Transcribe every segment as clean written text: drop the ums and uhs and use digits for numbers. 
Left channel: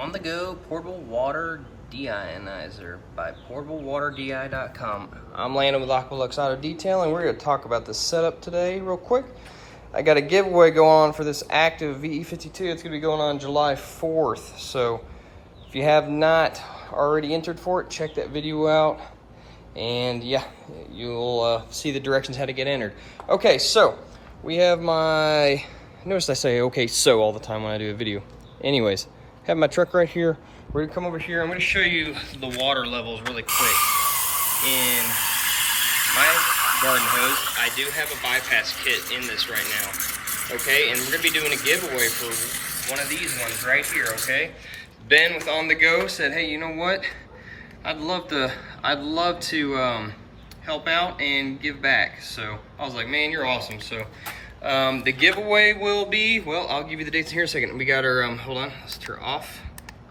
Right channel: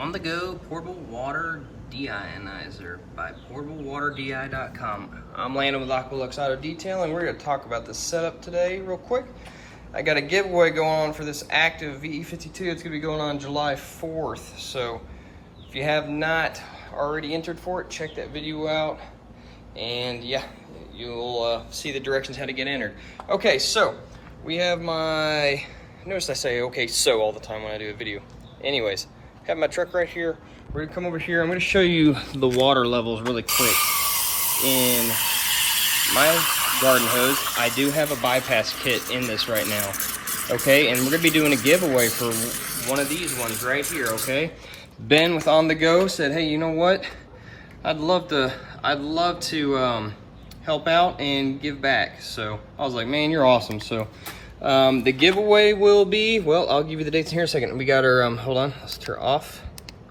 on-the-go portable water deionizer by portablewaterdei.com. I'm Landon with Aqualux Auto Detailing, and we're going to talk about the setup today real quick. I got a giveaway going on for this active VE52. It's going to be going on July 4th. So if you have not already entered for it, check that video out. And yeah, you'll see the directions how to get entered. Okay, so we have my... Notice I say okay so all the time when I do a video. Anyways, I have my truck right here. We're gonna come over here. I'm gonna show you the water levels really quick. In my garden hose, I do have a bypass kit in this right now. Okay, and we're gonna be doing a giveaway for one of these ones right here, okay? Ben with On The Go said, hey, you know what? I'd love to help out and give back. So I was like, man, you're awesome. So the giveaway will be, well, I'll give you the dates in here in a second. We got our, hold on, let's turn off,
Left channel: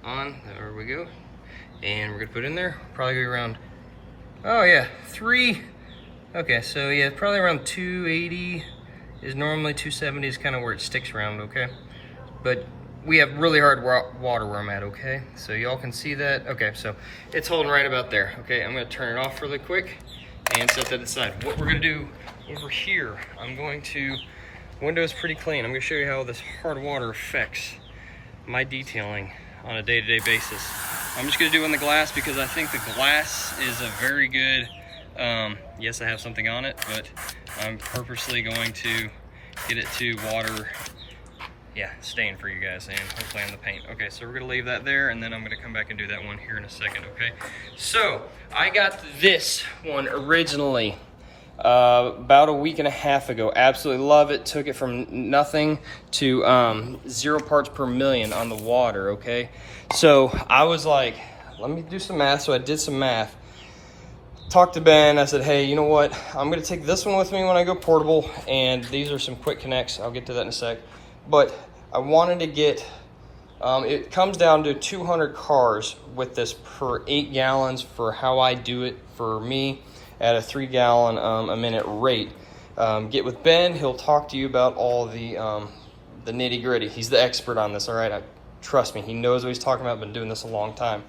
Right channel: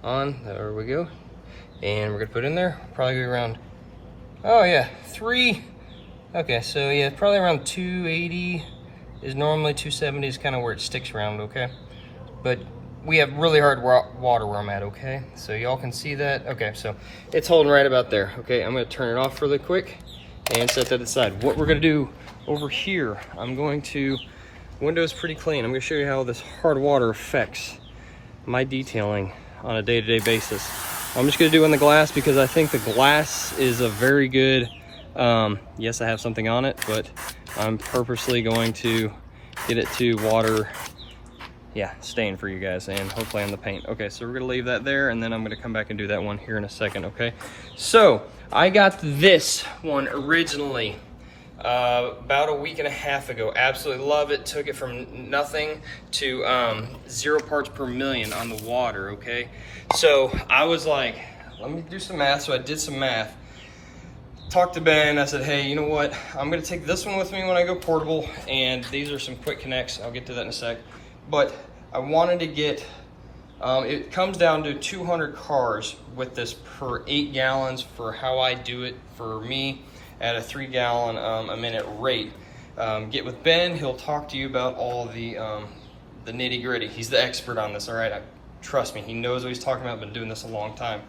on, there we go. And we're gonna put in there, probably around, oh yeah, okay, so yeah, probably around 280 is normally 270 is kind of where it sticks around, okay? But we have really hard water where I'm at, okay? So y'all can see that. Okay, so it's holding right about there, okay? I'm gonna turn it off really quick and set that aside. What we're gonna do over here, I'm going to, window's pretty clean. I'm gonna show you how this hard water affects my detailing on a day-to-day basis. I'm just gonna do it in the glass because I think the glass is a very good, yes, I have something on it, but I'm purposely going to get it to water, yeah, stain for you guys, and hopefully on the paint. Okay, so we're gonna leave that there, and then I'm gonna come back and do that one here in a second, okay? So, I got this one originally about a week and a half ago. Absolutely love it. Took it from nothing to 0 parts per million on the water, okay? So I was like, let me do some math. So I did some math. Talked to Ben. I said, hey, you know what? I'm going to take this one with me when I go portable. And these are some quick connects. I'll get to that in a sec. But I wanted to get, it comes down to 200 cars with this per 8 gallons for how I do it for me at a 3 gallon a minute rate. Get with Ben, he'll talk to you about all the nitty gritty. He's the expert on this, all right? Trust me, he knows what he's talking about. I've been doing this a long time.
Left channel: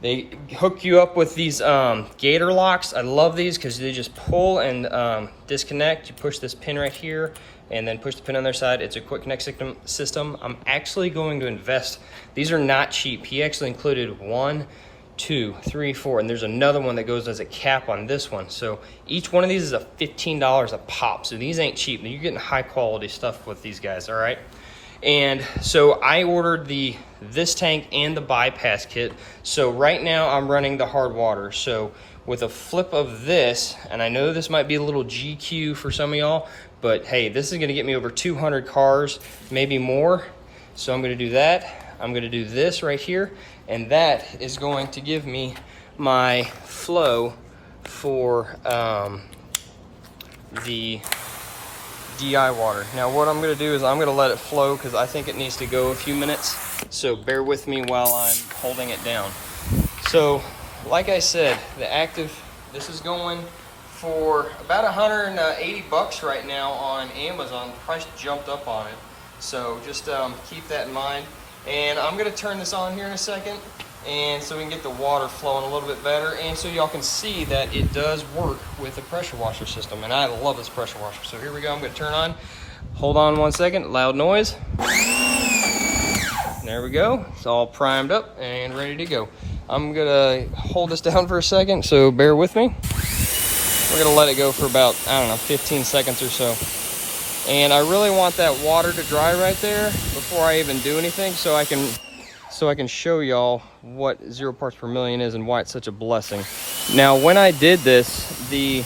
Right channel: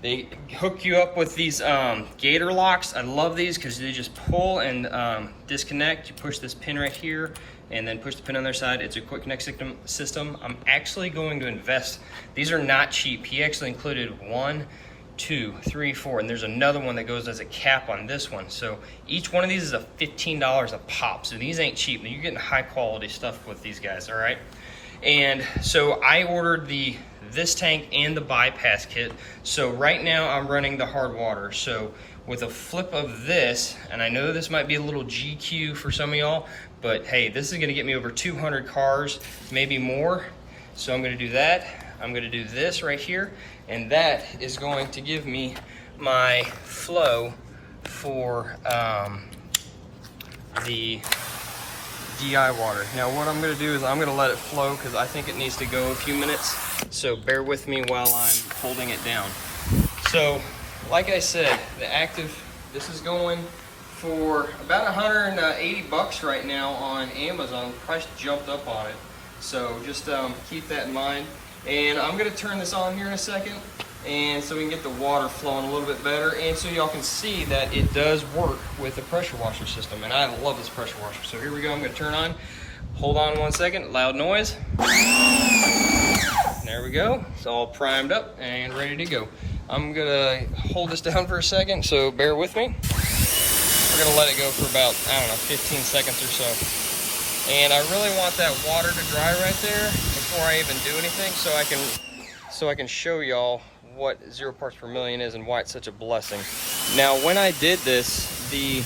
They hook you up with these gator locks. I love these because they just pull and disconnect. You push this pin right here and then push the pin on their side. It's a quick connect system. I'm actually going to invest. These are not cheap. He actually included 1, 2, 3, 4, and there's another one that goes as a cap on this one. So each one of these is a $15 a pop. So these ain't cheap. You're getting high quality stuff with these guys, all right? And so I ordered this tank and the bypass kit. So right now I'm running the hard water. So with a flip of this, and I know this might be a little GQ for some of y'all, but hey, this is gonna get me over 200 cars, maybe more. So I'm gonna do that. I'm gonna do this right here, and that is going to give me my flow for the DI water. Now what I'm gonna do is I'm gonna let it flow because I think it needs to go a few minutes. So bear with me while I'm holding it down. So like I said, the active, this is going for about 180 bucks right now on Amazon. Price jumped up on it. So just keep that in mind. And I'm gonna turn this on here in a second, and so we can get the water flowing a little bit better, and so y'all can see that it does work with the pressure washer system, and I love this pressure washer. So here we go, I'm gonna turn on. Hold on one second, loud noise. There we go, it's all primed up and ready to go. I'm gonna hold this down for a second, so bear with me. We're gonna let it go for about, I don't know, 15 seconds or so. And I really want that water to dry right there before I even do anything, so I can show y'all what 0 parts per million is and why it's such a blessing. Now, when I did this, the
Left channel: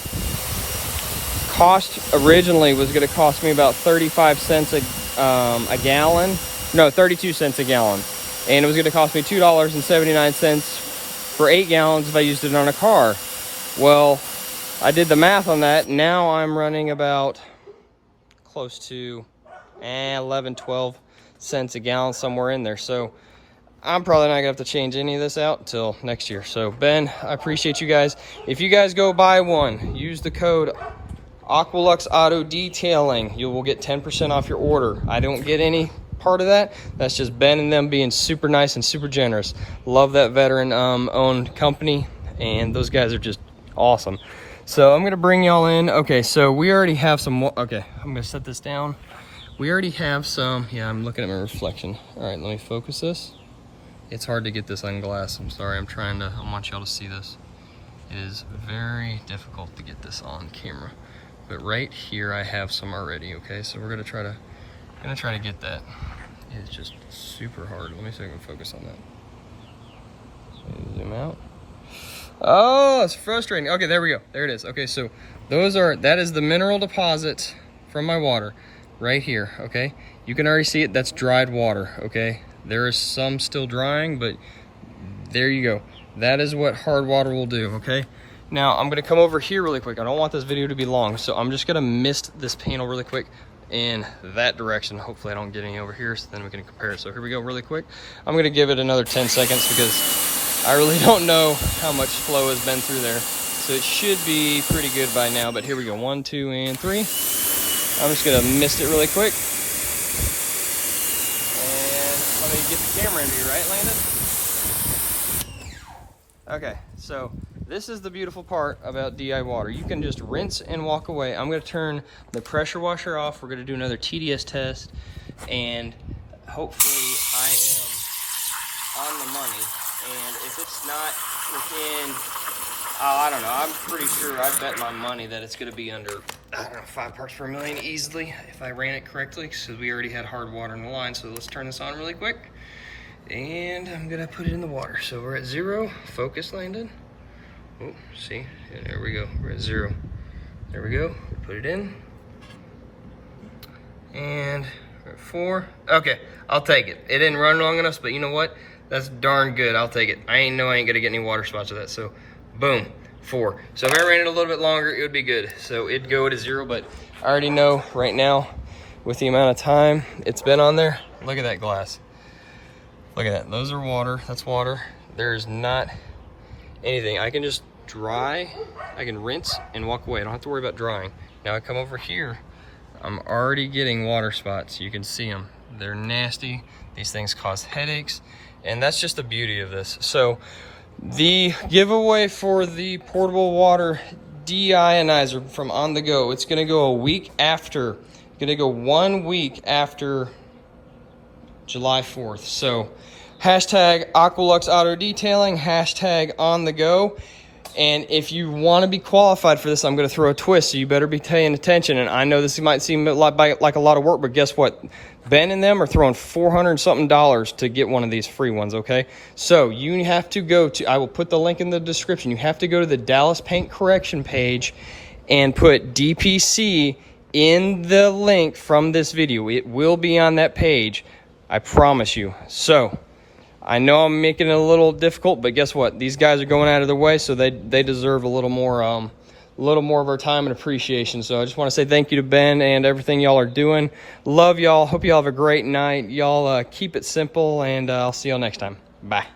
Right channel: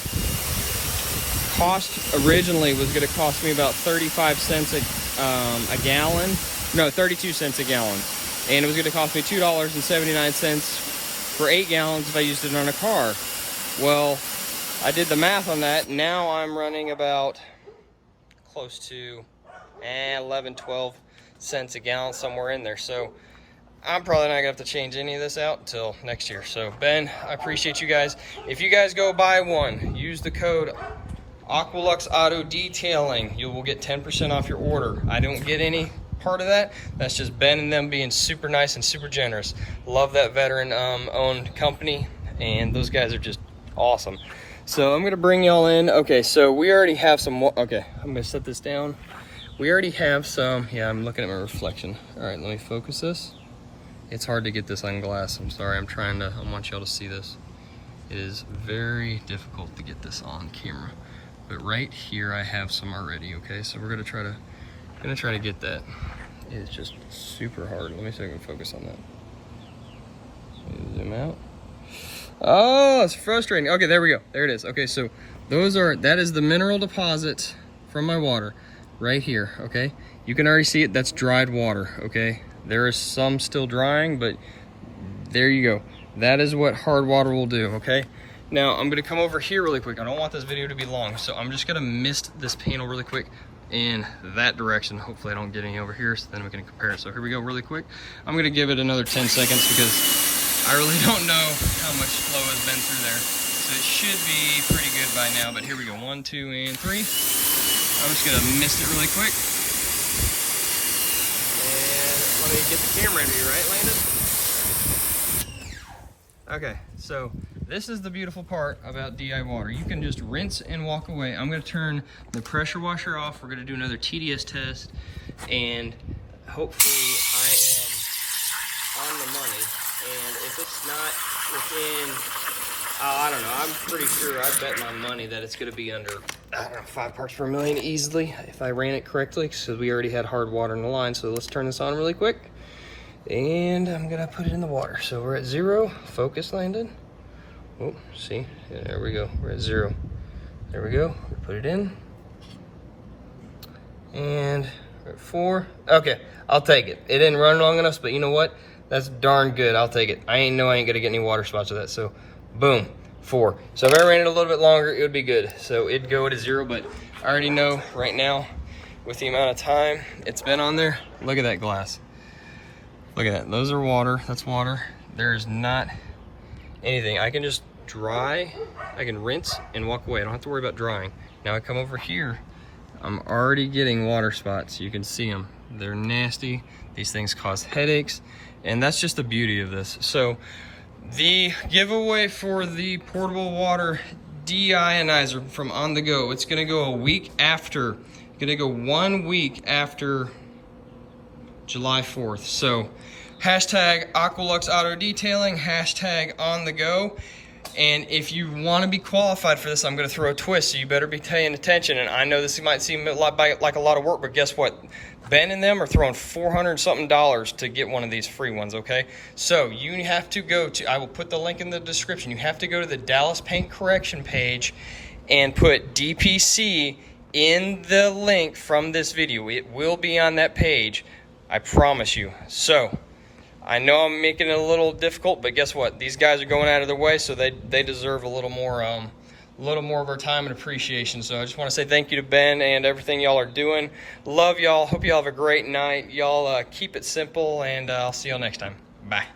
cost originally was going to cost me about 35 cents a gallon. No, 32 cents a gallon. And it was going to cost me $2.79 for 8 gallons if I used it on a car. Well, I did the math on that. Now I'm running about close to 11, 12 cents a gallon, somewhere in there. So I'm probably not gonna have to change any of this out until next year. So Ben, I appreciate you guys. If you guys go buy one, use the code Aqualux Auto Detailing. You will get 10% off your order. I don't get any part of that. That's just Ben and them being super nice and super generous. Love that veteran owned company, and those guys are just awesome. So I'm gonna bring y'all in. Okay, so we already have some, okay, I'm gonna set this down. We already have some, yeah, I'm looking at my reflection. All right, let me focus this. It's hard to get this on glass. I'm sorry, I want y'all to see this. It is very difficult to get this on camera. But right here, I have some already, okay? So we're gonna try to get that. It's just super hard. Let me see if I can focus on that. Zoom out. Oh, it's frustrating. Okay, there we go. There it is. Okay, so that is the mineral deposit from my water right here, okay? You can already see it, that's dried water, okay? There is some still drying, but there you go. That is what hard water will do, okay? Now, I'm gonna come over here really quick. I don't want this video to be long, so I'm just gonna mist this panel really quick in that direction. Hopefully I don't get any over here, so then we can compare it. So here we go really quick. I'm gonna give it another 10 seconds because I really don't know how much flow has been through there. So it should be pretty good by now, but here we go. 1, 2, and 3. I'm just gonna mist it really quick. And let me get the camera into you, right, Landon? Okay, so this is the beautiful part about DI water. You can just rinse and walk away. I'm gonna turn the pressure washer off. We're gonna do another TDS test, and hopefully I am on the money. And if it's not within, I don't know, I'm pretty sure I bet my money that it's gonna be under, I don't know, 5 parts per million easily if I ran it correctly, because we already had hard water in the line. So let's turn this on really quick. And I'm gonna put it in the water. So we're at 0. Focus, Landon. Oh, see, yeah, there we go. We're at 0. There we go. Put it in. And we're at 4. Okay, I'll take it. It didn't run long enough, but you know what? That's darn good. I'll take it. I ain't gonna get any water spots with that. So, boom, 4. So if I ran it a little bit longer, it would be good. So it'd go to 0, but I already know right now, with the amount of time it's been on there. Look at that glass. Look at that. Those are water. That's water. There's not anything. I can just dry. I can rinse and walk away. I don't have to worry about drying. Now I come over here. I'm already getting water spots. You can see them. They're nasty. These things cause headaches. And that's just the beauty of this. So the giveaway for the portable water deionizer from On The Go, it's gonna go a week after. It's gonna go 1 week after July 4th. So hashtag Aqualux Auto Detailing, hashtag On The Go. And if you want to be qualified for this, I'm going to throw a twist, so you better be paying attention. And I know this might seem like a lot of work, but guess what? Ben and them are throwing $400 something to get one of these free ones, okay? So you have to go to, I will put the link in the description. You have to go to the Dallas Paint Correction page and put DPC in the link from this video. It will be on that page, I promise you. So I know I'm making it a little difficult, but guess what? These guys are going out of their way, so they deserve a little more of our time and appreciation. So I just want to say thank you to Ben and everything y'all are doing. Love y'all. Hope y'all have a great night. Y'all keep it simple, and I'll see y'all next time. Bye.